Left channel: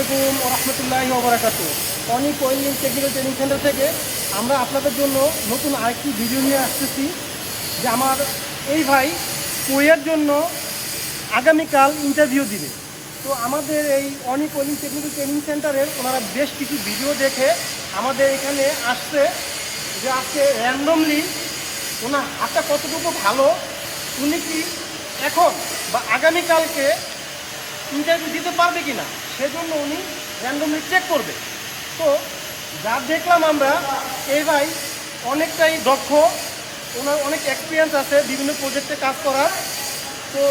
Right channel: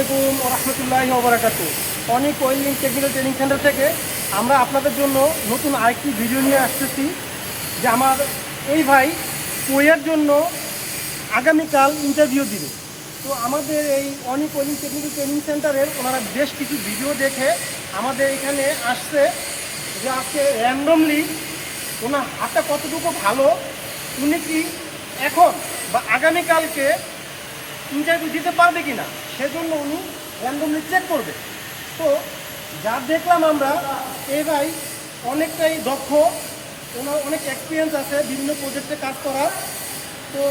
আসসালামাইকুম রহমতুল্লাহ ওবরাকাতু। অনেক ওয়েল্ডিং টেকনিক্যাল ট্রেনিং সেন্টার থেকে আমরা আপনাদের জন্য নতুন আরেকটি ভিডিও নিয়ে আসতেছি, যে আমার এই ভাই কোয়ের জন্য আগামীকাল ইন্টারভিউ দিবে। তো আমাদের এই অনেক ওয়েল্ডিং টেকনিক্যাল ট্রেনিং সেন্টারের ওনারা বেশ কিছু ভিডিও দেখে আমাদের এখানে আসছে, যে আজকে র্যান্ডমলি ওনার হাতটা কতটুকু ভালো, উনি কি এখন বা আগামীকালকে ইন্টারভিউ দিতে পারবে কি না সেজন্য উনি র্যান্ডমলি চেক করবে। তো যা দেখলাম আমরা, এই ভাই অনেকটাই দক্ষ, ওনার অনেক এক্সপিরিয়েন্স আছে বিভিন্ন প্রজেক্টে কাজ করার। তো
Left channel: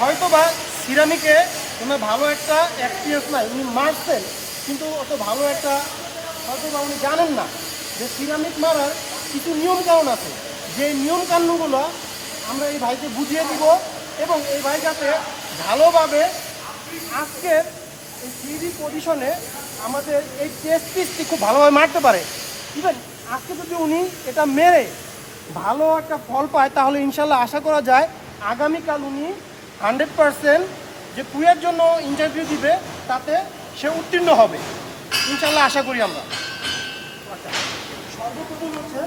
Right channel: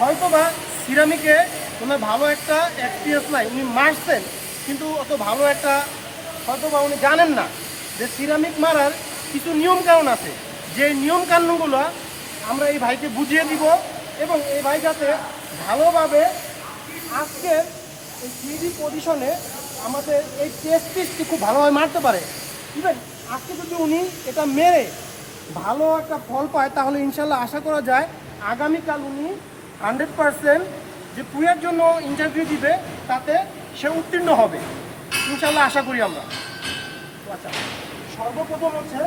হয়তো বা সিরামিকে ওনার ভালো একটা এক্সপিরিয়েন্স নাই, উনি মারছেন, কিন্তু অত ভালো একটা হয়তো বা উনি জানেন না যে সিরামিক মারার কিছু নিয়ম কানুন আছে। যে নিয়ম কানুনগুলো আমরা এই ভাইকে বুঝিয়ে দিব এবং এই ভাই যাতে ভালোভাবে আজকের এই থ্রি পজিশনে আমাদের এই টেস্ট পিসটি খুব ভালোভাবে মারতে পারে। ইভেন আজকে যদি উনি এটা মেরে ভালো একটা ফল পায় তাহলে ইনশাল্লাহ আশা করা যায় আগামীকাল উনি হান্ড্রেড পারসেন্ট যে কুয়ের জন্য ইন্টারভিউ দিবে তাতে সে উত্তীর্ণ হবে। ইনশাল্লাহ আশা করি আমরা। আচ্ছা সর্বপ্রথম হচ্ছে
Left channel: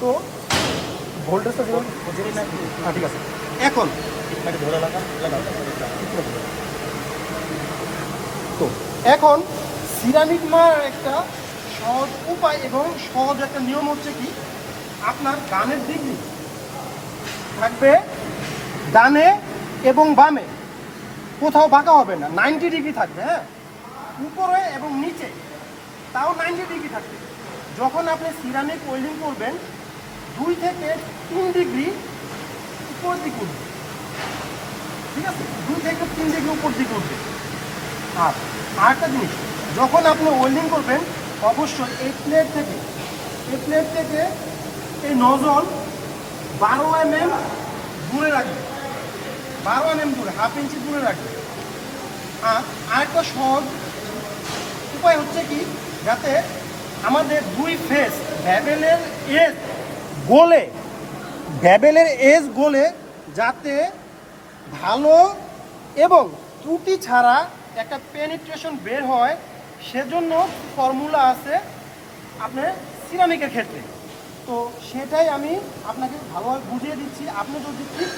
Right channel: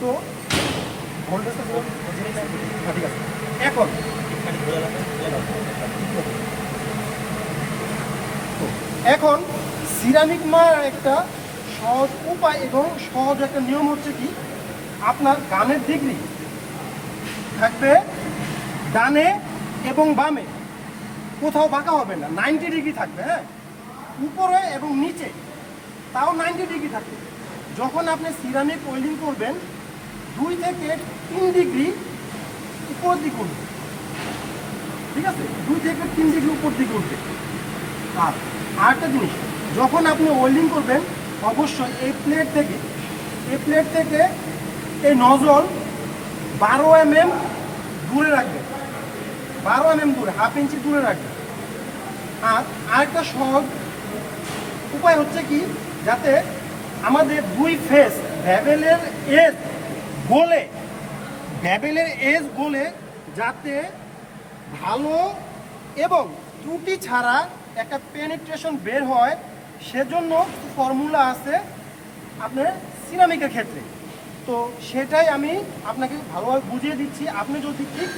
তো হ্যাঁ, ঠিক আছে। এখন। এখন সিরামিক মারার একটা সহজ উপায় এবং সহজ একটা নিয়ম হচ্ছে কি, আপনার গানের ডিগ্রি থাকবে ডানে এবং বামে। কোথাও বাঁকা হবে না নাইনটি ডিগ্রি থাকবে হ্যাঁ? উপরে এবং নিচে, তাও নাইনটি ডিগ্রি থাকবে। যখন আপনি সিরামিক ওয়েল্ডিং করবেন, দুই থেকে তিন ডিগ্রি উপর দিক উঠবে ঠিক আছে? দুই থেকে তিন ডিগ্রি উপর দিক উঠবে আর আরেকটা জিনিস, যখন আপনি ওয়েল্ডিং করবেন, অবশ্যই এই প্লেট থেকে, এই প্লেট থেকে এই নজল বারো এম এম দূরে রাখবে। বারো এম এম দূরে হাফ ইঞ্চি দূরে রাখবে। আর আরেকটা সহজ উপায় হচ্ছে কি? যাতে আমাদের দুই ফেস ভ্যাবেলের এজ গোলে ভ্যাবেলের এজ গোলে যাতে ভালো এবং ত্রুটি ছাড়া একটা পেনিট্রেশন বের হয়, সেজন্য ফর্মুলা আছে আপনার সিরামিকের ক্ষেত্রে। তো সেটাই আমি আপনাকে ভালোভাবে বুঝিয়ে দিচ্ছি। আপনি যদি ঠিক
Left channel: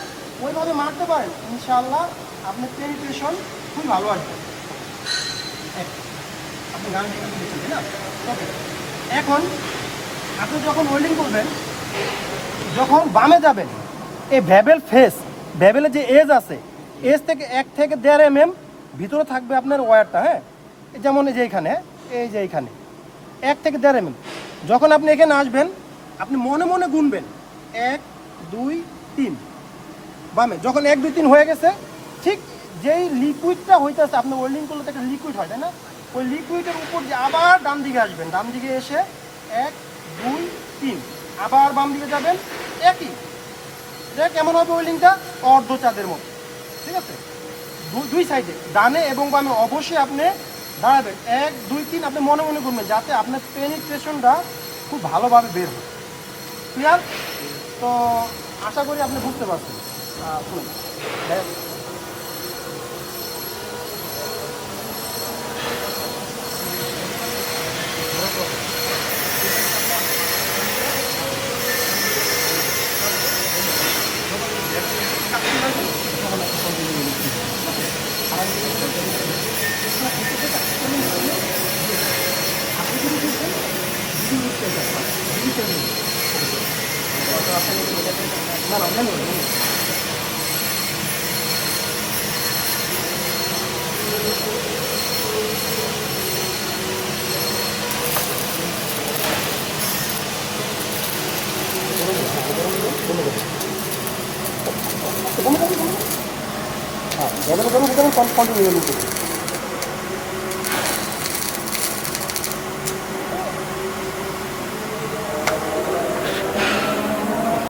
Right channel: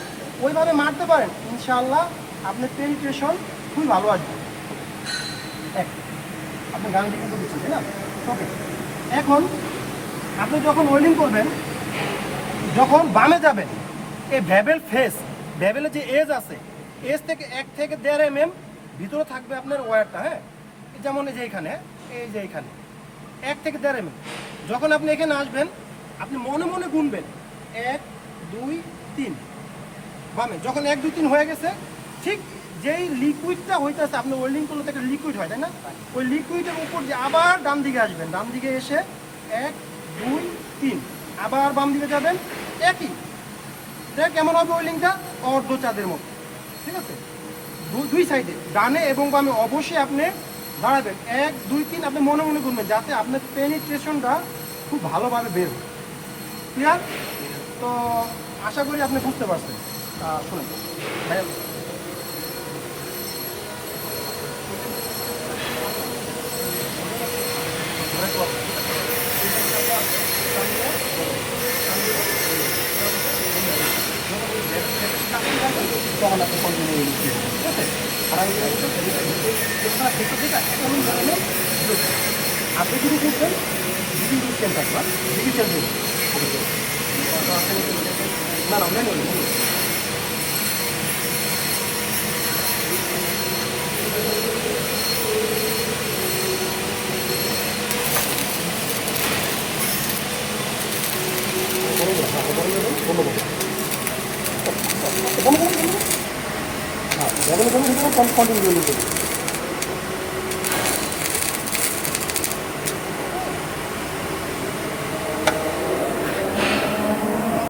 ওইভাবে মারতে পারেন ইনশাল্লাহ আপনার পেনিট্রেশন খুবই ভালো আসবে। আপনি গান দিকে দিচ্ছেন, তাই না? এখন আপনি যখন ওয়েল্ডিং করবেন যখন বামে যাবেন এই ভ্যাবেল ফেস ভ্যাবেলের যে এজ আছে এজ থেকে এক থেকে দেড় এম এম ভিতরে থাকবে আপনার ওয়্যারটা হ্যাঁ? যেমন এই যে এখানে, এই যে এখানে, এক থেকে দেড় এম এম যখন আপনি এখানে আসবেন, আপনি মনে মনে গুনবেন, এক, দুই, তিন। বামে, যখন এক, দুই, তিন হয়ে গেছে, ঠিক যেই লিকুইডটা হইতেছে, আপনি ওয়েল্ডিং করলে তো একটা লিকুইড হয়, তাই না? ওই লিকুইডের উপর আবার ডান দিকে আসবেন, ডান দিকে এসে এক, দুই, তিন। আবার বাম দিকে যাবেন? একই। দেখ কেমন হবে ওই লিঙ্কটা অর্ধ চাঁদের মতো। ঠিক আছে? দুই সাইডে ডানে এবং বামে অবশ্যই আপনি দাঁড়াবেন। এক দুই তিন আপনি মনে মনে করবেন যাতে আপনার পেনিট্রেশনটা খুব ভালোভাবে বের হয়। ক্লিয়ার তো আশা করি আপনি বুঝতে পারছেন। শুনুন। আহ, শুনুন ভাইয়া তখন আপনি কন্টিনিউ ঠিক আছে আর আমি আপনি যদি বুঝবেন দিদি বুঝছেন তারপর দিদি চেঞ্জ না না হ্যাঁ গরম গরম গরম কন্টিনিউ করবে